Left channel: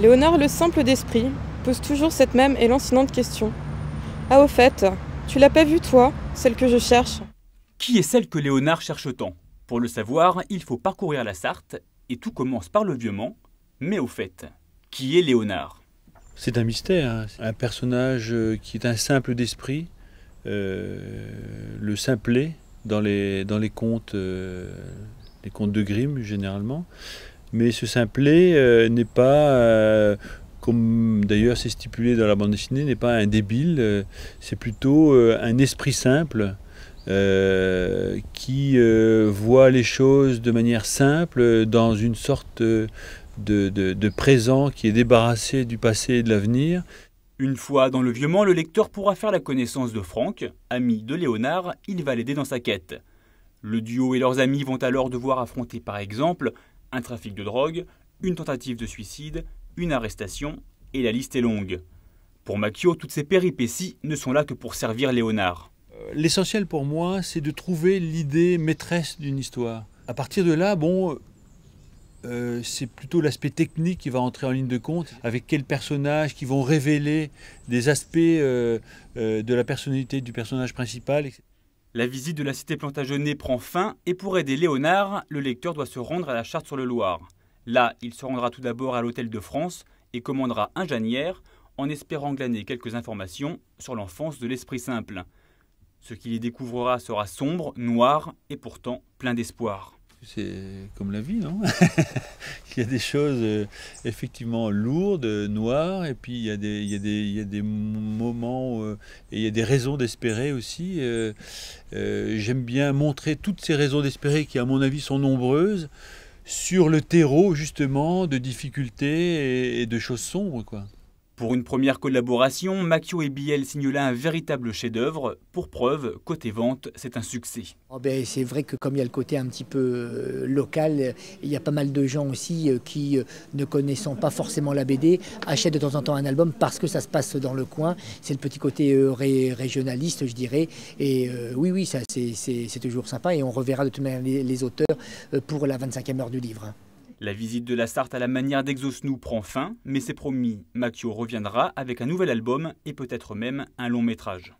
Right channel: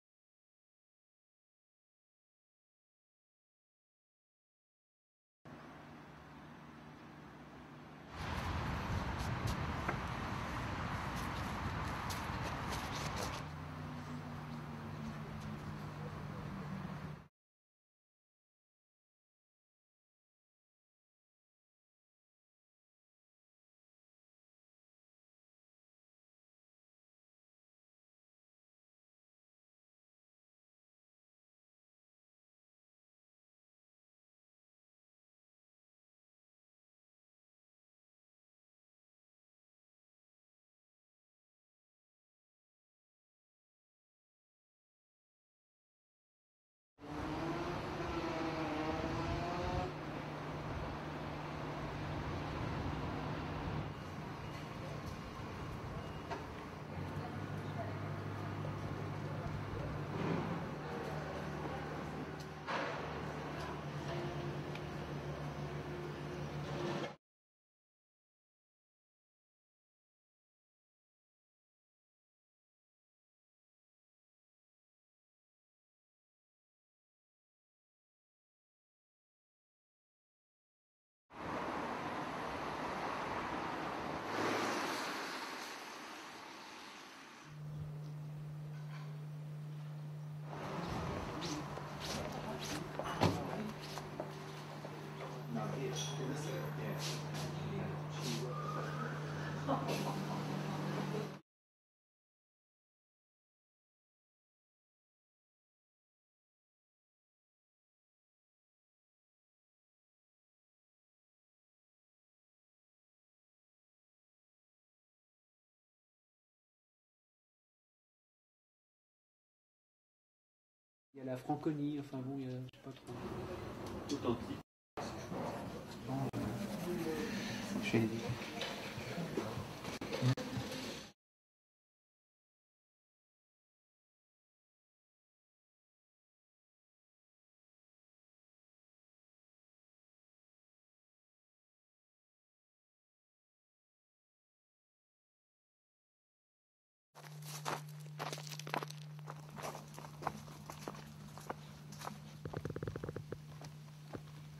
Léonard le simple d'esprit pose toujours cette même et lancinante question. Ah au fait, tu l'as pas vue toi, celle que je cherche? Qui est celle que Léonard cherche tant? Pour le savoir, il faut parcourir la Sarthe, et tout commence par le Vieux-Mans. Mais au fait, qui est Léonard? C'est un mystère, hein. Un personnage qui est un simple d'esprit, le simplet dans les contes de Grimm généralement. Mais ce simplet n'est pas, comme d'ailleurs c'est stipulé dans la bande dessinée, n'est pas un débile, c'est plutôt un esprit simple qui voit les choses de manière simple, dans une sorte de présent qui est débarrassé du passé et de l'avenir. Une fois dans le Vieux-Mans, le lecteur pourra faire la connaissance de Franck, ami de Léonard, il va l'aider dans sa quête. Le duo et leurs amis vont alors devoir affronter par exemple un trafic de drogue, une tentative de suicide, une arrestation, et la liste est longue. Pour Makio, toutes ces péripéties ne sont là que pour servir Léonard. L'essentiel pour moi, c'est de trouver l'idée maîtresse d'une histoire. À partir de là, c'est plutôt l'aspect technique qui va entrer en ligne de compte, avec quels personnages qui vont révéler des aspects de la personnalité du personnage principal. La visite de la cité Plantagenet prend fin et pour aider Léonard, le lecteur doit se rendre à la Charte-sur-le-Loir. Là, il se rendra tout d'abord à l'Hôtel de France et commandera un Janière en espérant glaner quelques informations sur l'enfance de l'esprit simple. Ce qu'il y découvrira sera sombre, noir et pourtant plein d'espoir. C'est comme la vie, non? Il y a des choses effectivement lourdes, noires, et puis il y a des moments et il y a des raisons d'espérer aussi. J'aime bien montrer toutes ces raisons d'espérer qui, à mon avis, sont nombreuses, sur le terreau justement de difficultés et de choses sombres, quoi. Pour une première collaboration, Makio et Biel signent là un véritable chef-d'œuvre. Pour preuve, côté vente, c'est un succès. C'est vrai que comme il y a le côté un petit peu local, il y a pas mal de gens aussi qui, ne connaissant pas forcément la BD, achètent de temps en temps un album parce que ça se passe dans le coin. C'est le petit côté régionaliste, je dirais. Et oui, ça c'est toujours sympa et on reverra de toute manière les auteurs pour la 25e heure du livre. La visite de la Sarthe à la manière d'Exosnou prend fin, mais c'est promis, Makio reviendra avec un nouvel album et peut-être même un long métrage.